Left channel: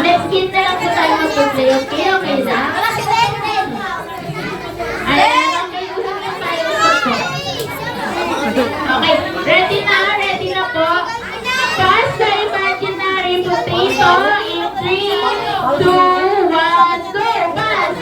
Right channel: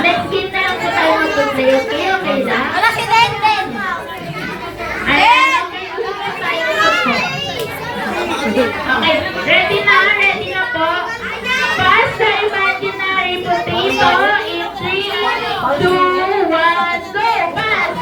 Next game na lang po tayo mag-play. Okay, okay na? Wala si Denden! Ayan, okay, usapan tayo. Okay, ready na po. Pass the imaginary potato in 3, 2, 1, go! Pass!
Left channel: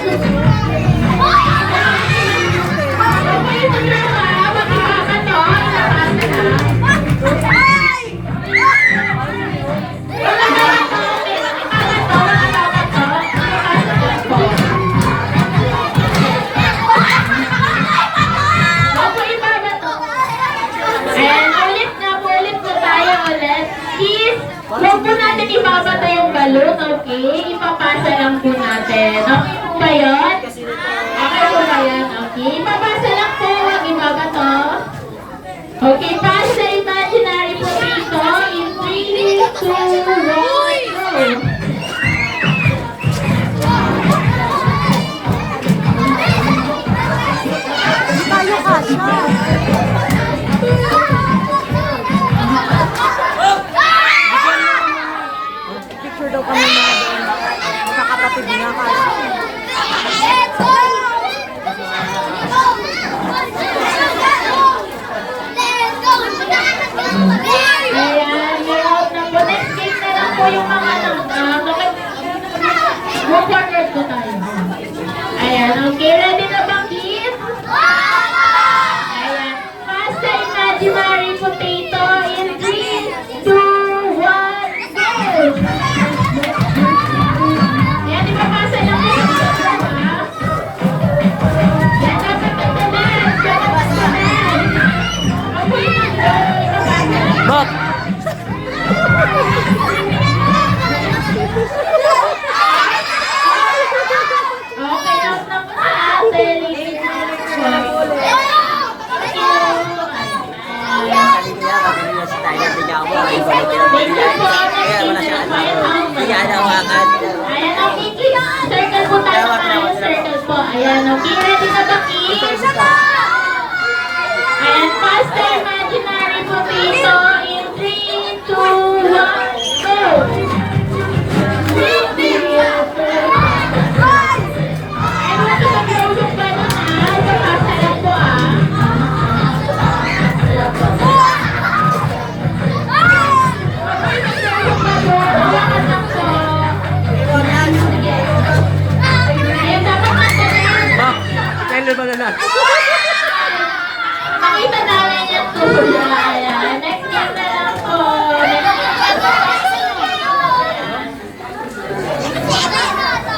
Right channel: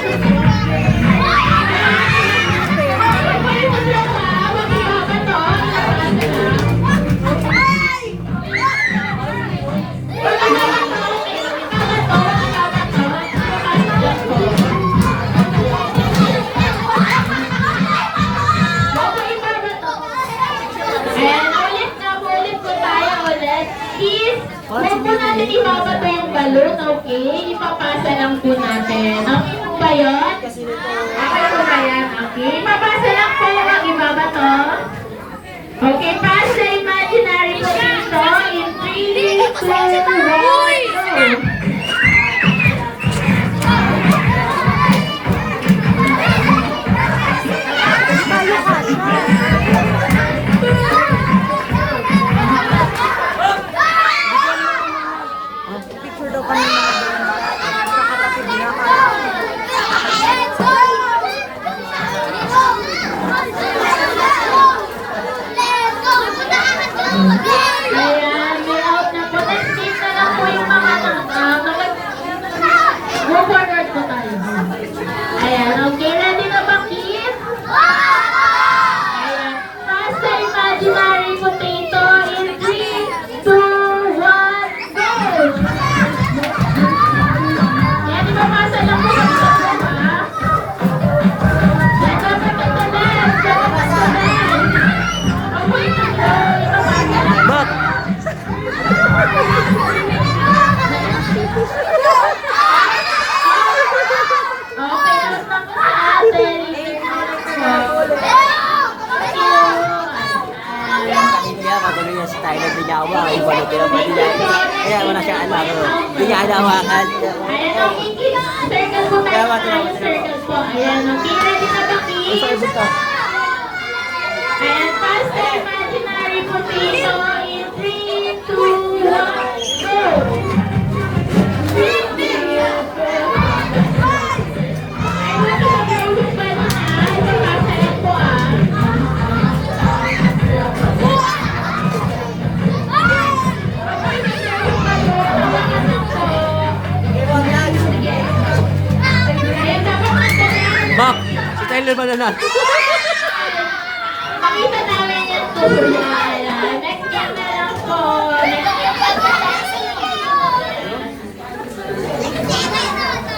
Huwag po natin ipapato yung balloon, okay? Ipapasa lang po natin. Okay po ba yun? Okay po ba yan? Okay. Ipapasa lang po, huwag ipapato. Okay, pass the imaginary potato in 3, 2, 1, go! Tayo kasha. Picture daw kami mga doon. Sa kapatid niya. Let's go! Ayan, may out na po. Next game na lang po yung mga go forward po tayo. Ayan, okay. Ready na ba, kids? Ayan. Pass the imaginary potato in 3, 2, 1, go! Ayan, ipapasa lang po yung ha? Yan, kapatalan. Kapatalan. Okay, ipapasa. Bak! Okay, out na po sa atin. Ayan, okay, kids. Circle po tayo. Circle po. Ayan, okay. Ready na ba, kids? Ayan, pass the imaginary potato in 3, 2, 1, go! Bak! Si Tyler ba na na? Makita namin yung tuyo. Ayan. Next game na lang po.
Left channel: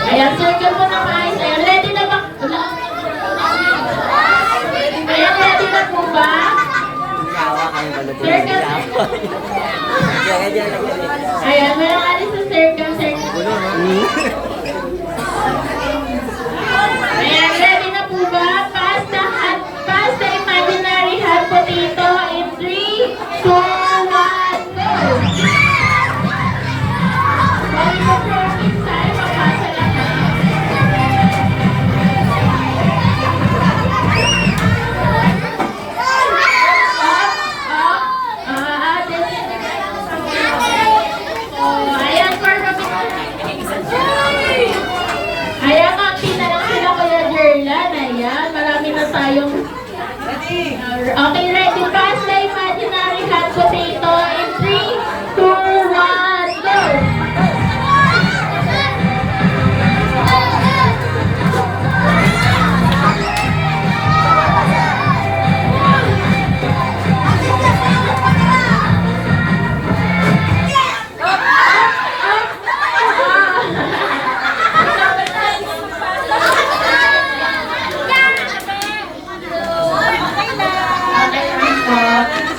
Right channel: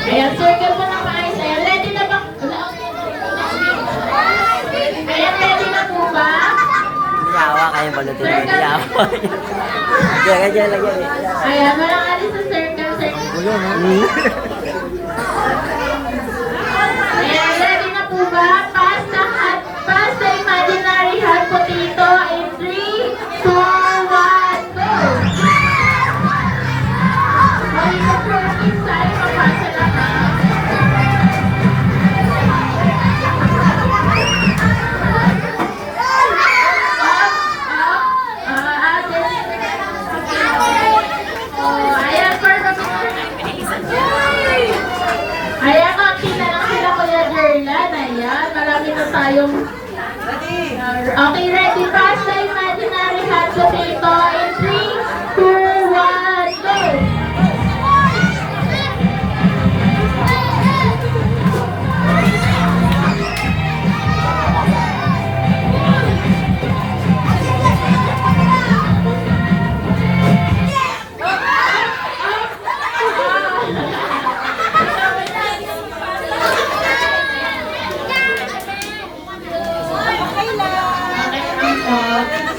Ayan, circle po na guys. Ayan, ready na ba? Ayan, ready na po ba? Circle. Ayan, meron alis sa circle. Ayan, ready na po ba? Pass the imaginary hot potato in 3, 2, 1, go! Bali mo po yung minsan, papasa lang na. Ayan, for the ayan, konti na lang sila Kuya Jerlan. Ayan, marami na tayong... Okay, ready? Pass the imaginary hot potato in 3, 2, 1, go!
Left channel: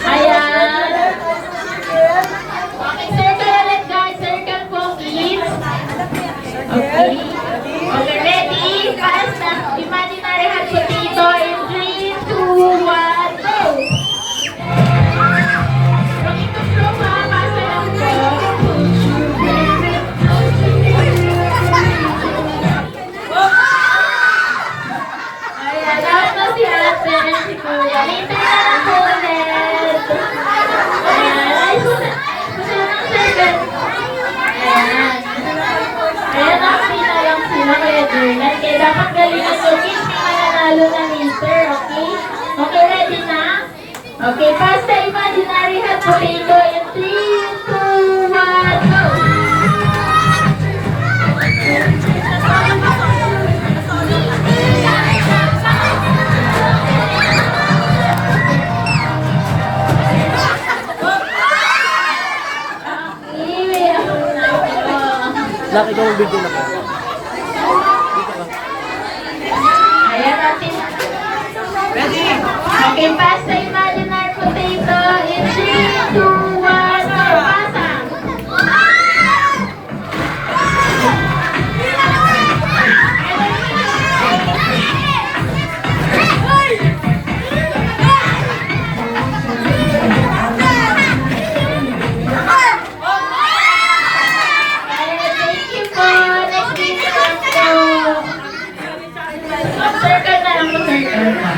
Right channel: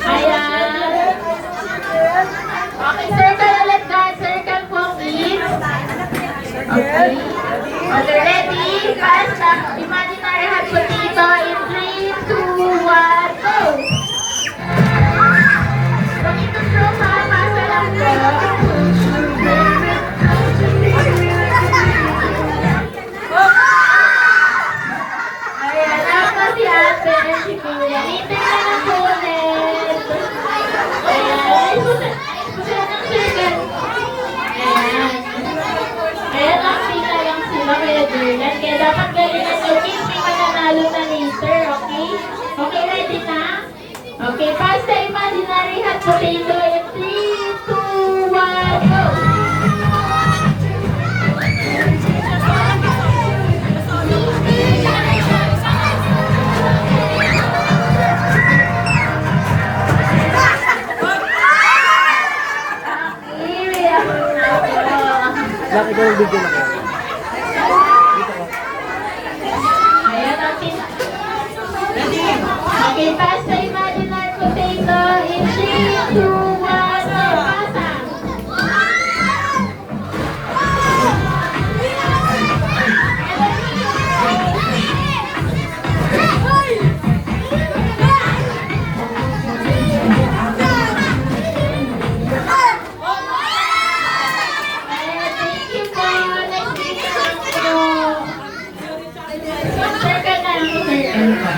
Ayan. natin. Ayan. Ayan, nakita lang sila kaya Jordan. Kaya dapat galingan nyo, kids, yung mananalo na later, okay? Okay, ready na? Okay, pass the imaginary hot potato in 3, 2, 1, go! Laki ikaw ng video na ko. Dito ka. Ayan natin. Ready? Okay, pass the imaginary potato in 3, 2, 1, go! Pasa! Ayan, thank you po. Next week lang po. Circle na lang po, circle po.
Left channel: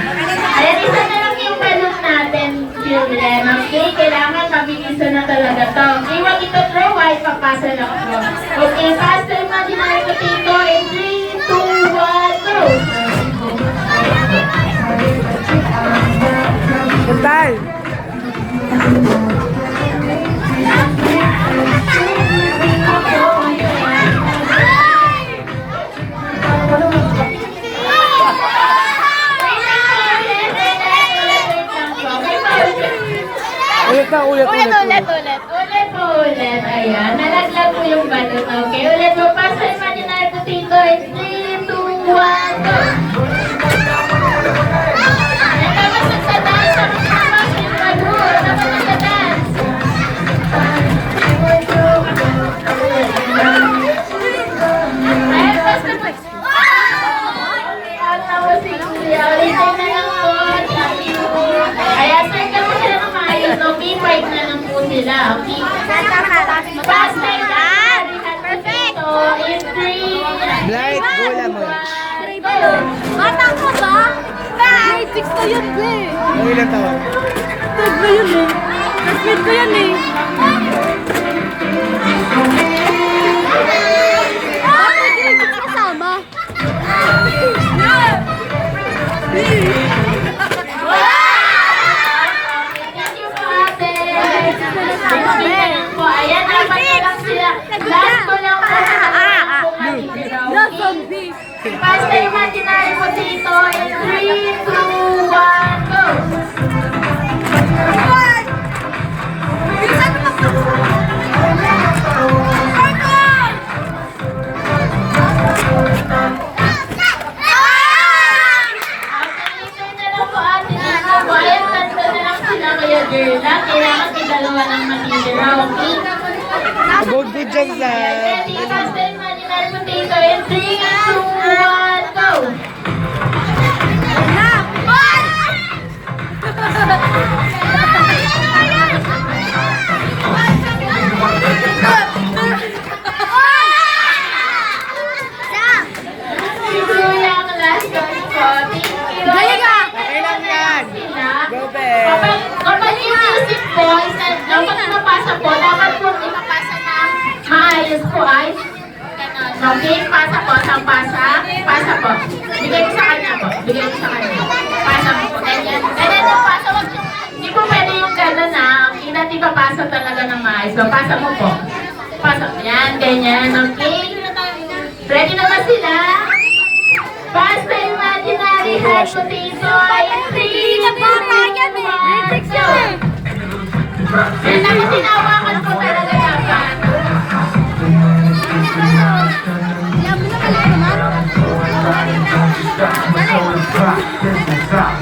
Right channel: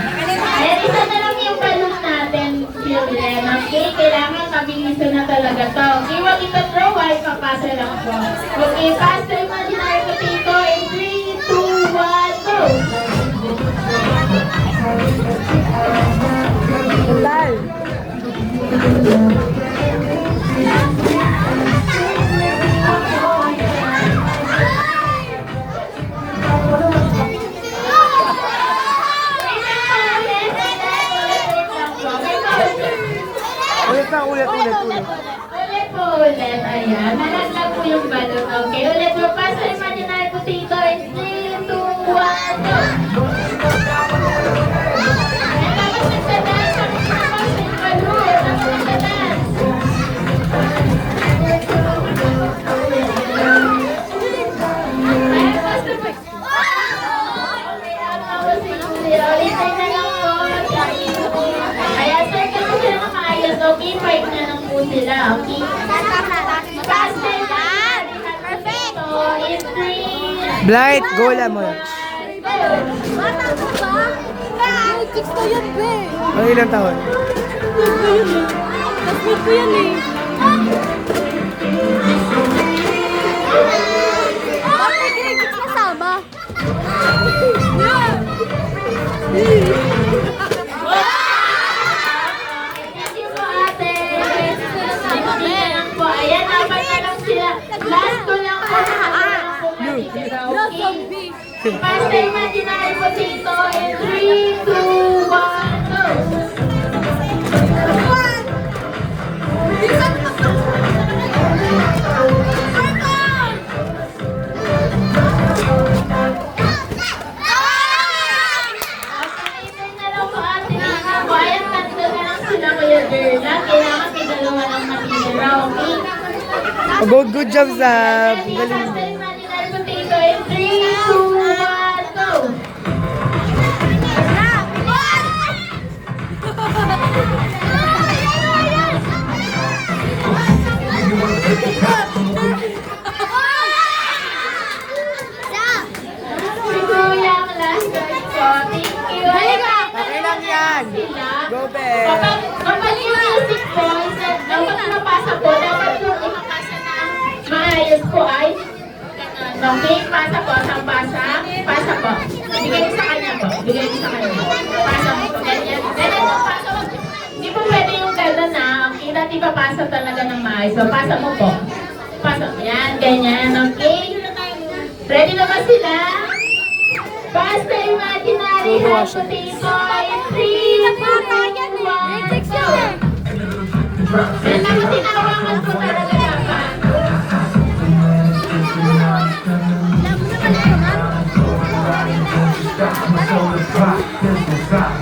Ayan, isa na lang yung balloon natin, children. Okay, kailangan mabilisan na talaga to. Okay, wag ito throw, ay papasa lang po. Okay, pass the imaginary potato in 3, 2, 1, go! Puntal! Ulit na, ulit. Ulit po ulit. Ayan, nalaglag po yung balloon. Okay, ulit po. Pass the imaginary potato in 3, 2, 1, go! Ay, dapat magsa-dance. Dapat papasa yung balloon. Dapat magsa-dance. Ayan, pass the boys. Okay, tapos si Kuya. Ulitin na lang po. Sabi ko. Ayan, circle mo sila ng maayos. Okay, fight na lang po sila. Okay? Pass the imaginary hot potato in 3, Blight, go lang mo. 1, go! Six ko yun, be. May ilang taon? Six ko yun eh. Six ko yun eh. Bakit hindi kasama? Thank you po, ate. Hindi na lang po. Ayan, dapat na lang sila. Last ko lang po sa kanila po matitira. Okay? Pass the imaginary potato in 3, 2, 1, go! Hintay na lang po, ate. Dito po. Ayan, tatlo na lang sila kuya girl. Kailangan may dalawa lang matitira. Okay? Good job, Zab. Ready? Pass the imaginary potato in 3, 2, 1, go! Si Kuya ang last one po. Thank you. Okay lang yan. Sila. Go, Be. Kapag yung music po, dapat mapasa po, dapat po ipapasa na maayos po ay ganon. Okay, pasa po, isang pasa, pasa po. Bigay ko sa kanya po, bigay ko sa kanya. Pasa po, ganyan. Ganyan po, pasa. Hindi po pwede yung gano'n na, okay, natin ipapasa talaga ng maayos. So, pasa mo po. Pasa, yan, ganyan, okay? Ready naman sila? Pass the imaginary hot potato in 3, 2, 1, go! Yan, tapos tinawakan ko talaga dapat. Stop.